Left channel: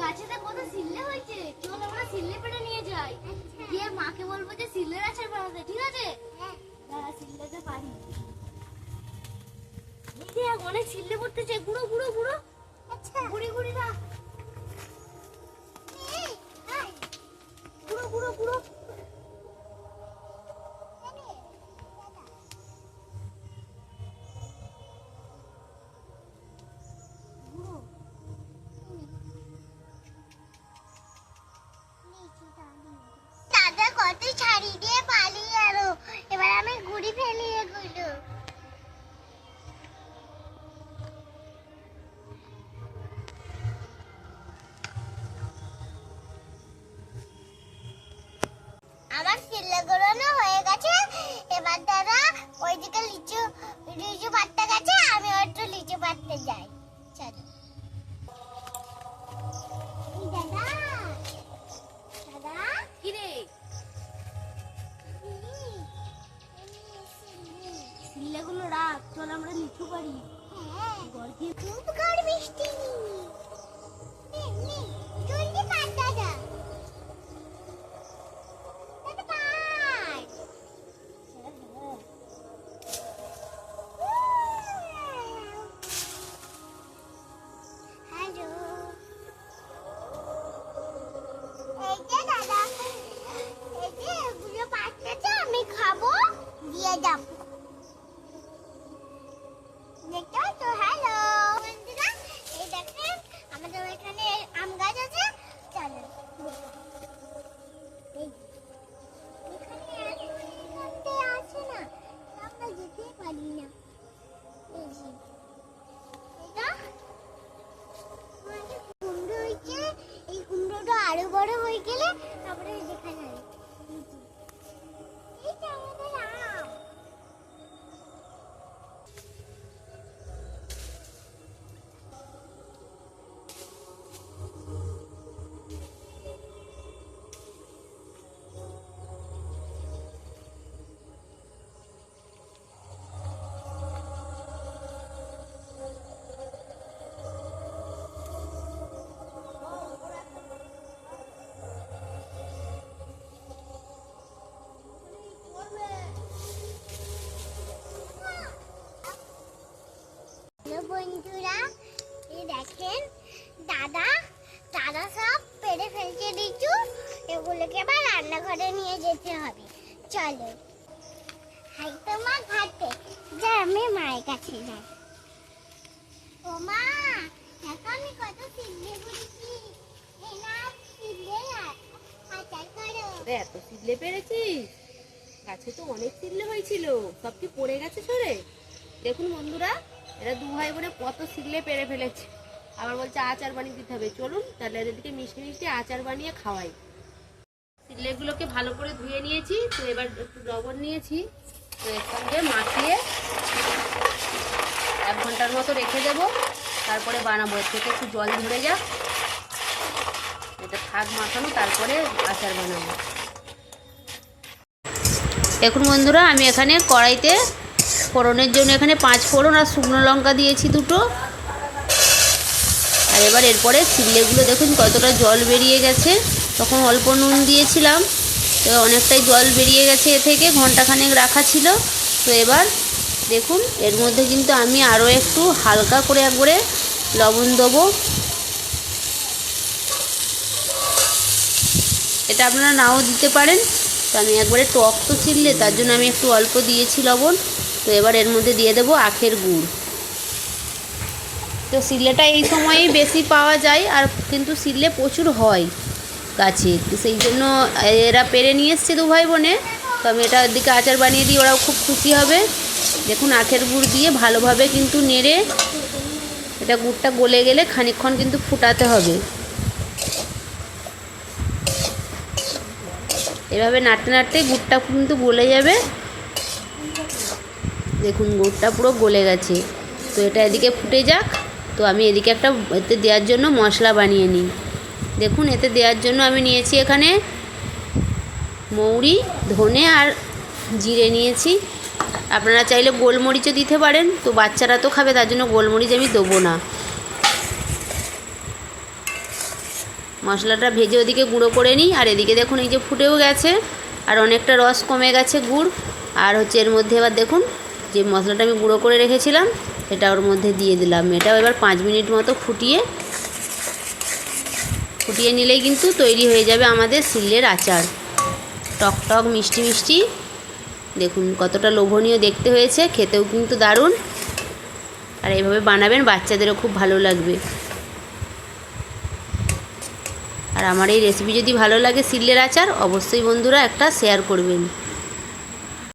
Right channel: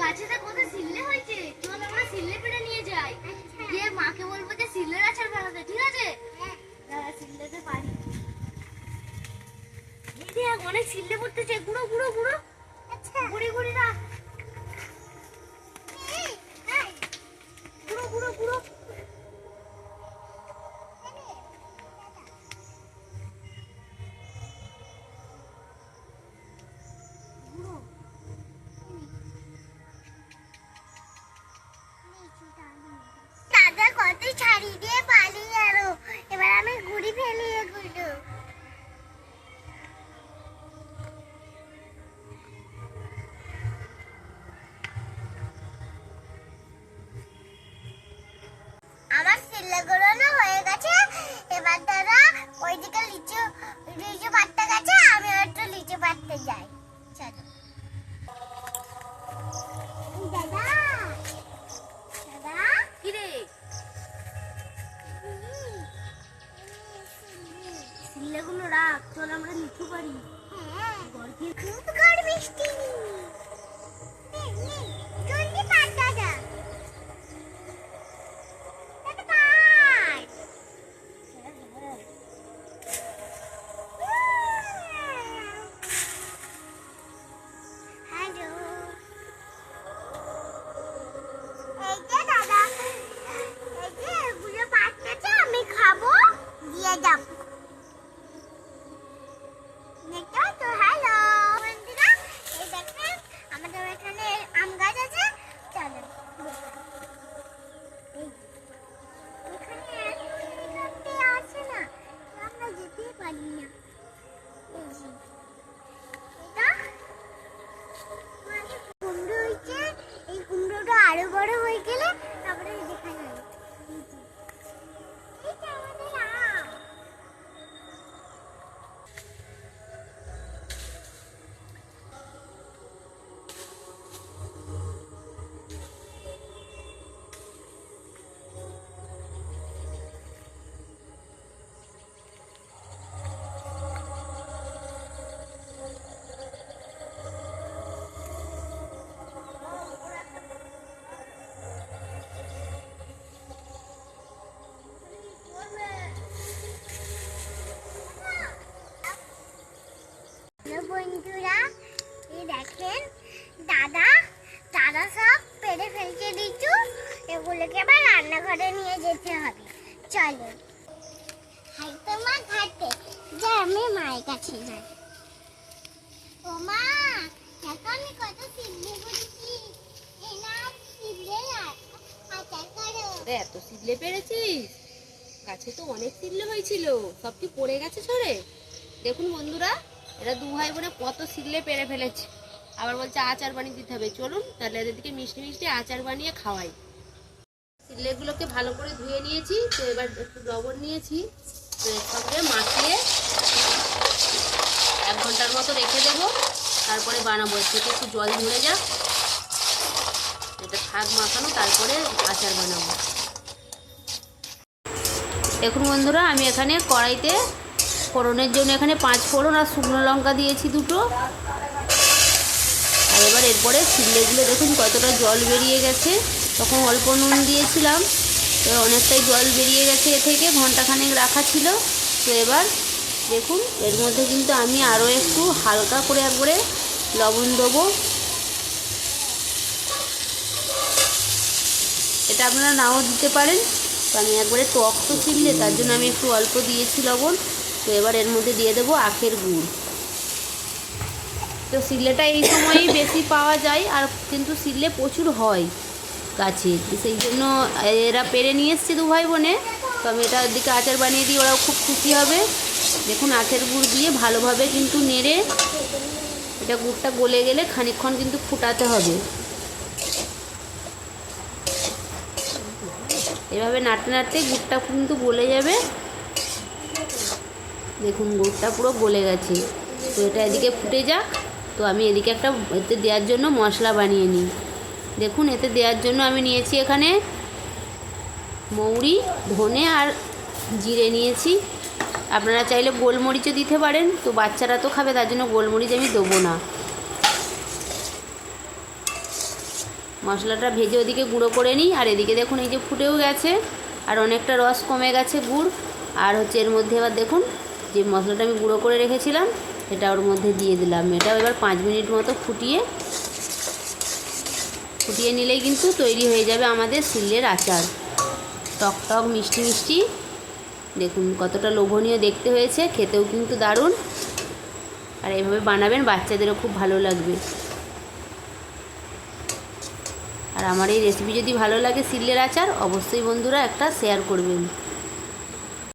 গাছেতে কত সিল্লে হয়েছে, চল আমরা সিল্লে পেড়ে নিয়ে যাই, গিয়ে মাকে বলবো যে সিল্লের আচার বানাতে। ঠিক আছে, দাঁড়া সিল্লেতে পারি। দেখ অনেক সিল্লে পড়তেছে, গুঁড়ো গুঁড়ো গুঁড়ো, গুড়ি গুড়ি না, গুঁড়ো গুঁড়ো গুঁড়ো। দাদা কত ছাড়ি দিয়ে পালিয়ে গেল, এবার আমি গুড়ি ফেলিয়ে গুলো। আমার সিলেগুলো না হয়ে গেছে, এবার দাদা ওইদিকে লিচু লিচু পাড়তে গেছে, আমি একটু লিচু পাড়তে যাই। চলো দাদা, দাদা কি রে? সিলেগুলো রাখ, চল আমরা লিচু পারি। হ্যাঁ খুব ঝড় বৃষ্টি, জলদি পার দাদা। আমি খাবো দিয়ে যাব। তো হ্যালো বন্ধুরা, এই দেখেন আমাদের এখানে আম গাছ আছে, চলেন এখানে আছে না, আমরা যেতে পারি না। এটা কুমড়ো হয়েছে, এই কুমড়োটা আরো বড় হয়ে গেলে তারপরে দেখানো হয়। এইটা আমাদের আম। বন্ধুরা এই দেখেন দাদা দাদা সব পেড়ে ফেলছে লিচু, এগুলোকে আবার রান্নাঘরে নিয়ে যেতে হবে। চলো হাই তোমার ঘাটে যা, আমি মায়ের কাছে যাই। ও মা দেখো আমি কত সিদ্ধে করেছি, আচার করো। এত সিদ্ধে পেরেছিস? গাছে তো অনেক সিদ্ধে হয়েছিল, সব কি পড়ে গেছে সরে? দেখুন বন্ধুরা, এরা দু ভাই বোনে কত সিল্লে পেরে ফেলেছে, আবার বলছে আচার বানিয়ে দিতে হবে। চলুন তাহলে এদেরকে মিষ্টি মিষ্টি আচার বানিয়ে খাওয়াই। সিল্লেগুলোকে ভালো করে ধুয়ে নিয়েছি, তো এবার একটু লবণ নিয়েছি, তো এর সঙ্গে মাখিয়ে 1 ঘন্টার মতো রেখে দেবো, তারপরে বানাবো। সেটা একটু জল ধরে যাক, এটা শাক মাখানো, তারপরে আচার বানাবো। দেখুন বন্ধুরা, আমি এখানে কড়াইতে ফোড়নের জন্য এখানে 5 ফোড়ন আর শুকনো লঙ্কা দিয়েছি 2টো। আর এবার এরপরে সিল্লেগুলো দেখুন কতটা জল বেরিয়ে গেছে, তখন অল্প নুন দিয়েছিলাম, তো অনেকটাই জল বেরিয়ে গেছে এ থেকে, ঘন্টাখানেক রাখা ছিল। তো এবার দেখুন এর মধ্যে কিন্তু আমি আরও একটু হালকা করে একবারে লবণ দেবো। এটা আপনারা নাও দিতে পারেন, তো আমি একবারে টক তো সিল্লে, তার জন্য আমি একটু অল্প দিয়েছি লবণ। তো এবার এর মধ্যে দিয়ে দেবো আখের গুড়। তো সিল্লেটা এই সময়েই বেশি পাওয়া যায়, আর কিন্তু সিল্লে প্রচুর হয় গাছে, তো সেই জন্য এরা পেরে নিয়ে এসছে 2 ভাই বোনে। তো আমি এটা দিকে আচার বানিয়ে দিই, ওরাও খুব খুশি হবে। দেখুন আখের গুড় দিয়ে ভালোভাবে কিন্তু নেড়ে, এটা গুড়টা গলে গেলে খানিকক্ষণ কিন্তু ফুটাতে হবে। এভাবে নাড়তে নাড়তে গুড়টা কিন্তু গলে যাবে। দেখুন গুড়টা পুরো গলে গেছে, তো এটা এদিকে ফুটে যাক। তো আমি এদিকে একটা এতে দেওয়ার জন্য মশলা বানিয়ে নিই। দেখুন এতে দেওয়ার জন্য আমি নিয়েছি এখানে মৌরি, ধনে আর জিরে নিয়েছি। আপনারা চাইলে গোলমরিচও দিতে পারেন, তো বাচ্চারা তো খাবে, তার জন্য গোলমরিচ আমি দেবো না। মশলাটা ভেজে ওদিকে গুঁড়ো করে নিই। আর এদিকে দেখুন এই যে ফুটেও গেছে, আর অনেকটা রস কমে গেছে গুড়। আর হচ্ছে এর মধ্যে এবার দেখুন যে মশলাটা আমি গুঁড়ো করে রেখেছিলাম এটা ওর মধ্যে দিয়ে দিলাম। এটাও এবার 5 মিনিট মতো ফুটিয়ে নিলেই কিন্তু তৈরি হয়ে যাবে আমাদের সিলের আচার। টক টক মিষ্টি মিষ্টি, দেখুন কতটা লোভনীয় দেখতে হয়েছে, খেতেও কিন্তু দারুণ। আর এইভাবে বানাবেন, বাচ্চাদেরও খুব ভালো লাগবে। আর আমার এই রেসিপি যদি ভালো লাগে সিলের আচার, অবশ্যই বন্ধুরা একটা শেয়ার করবেন।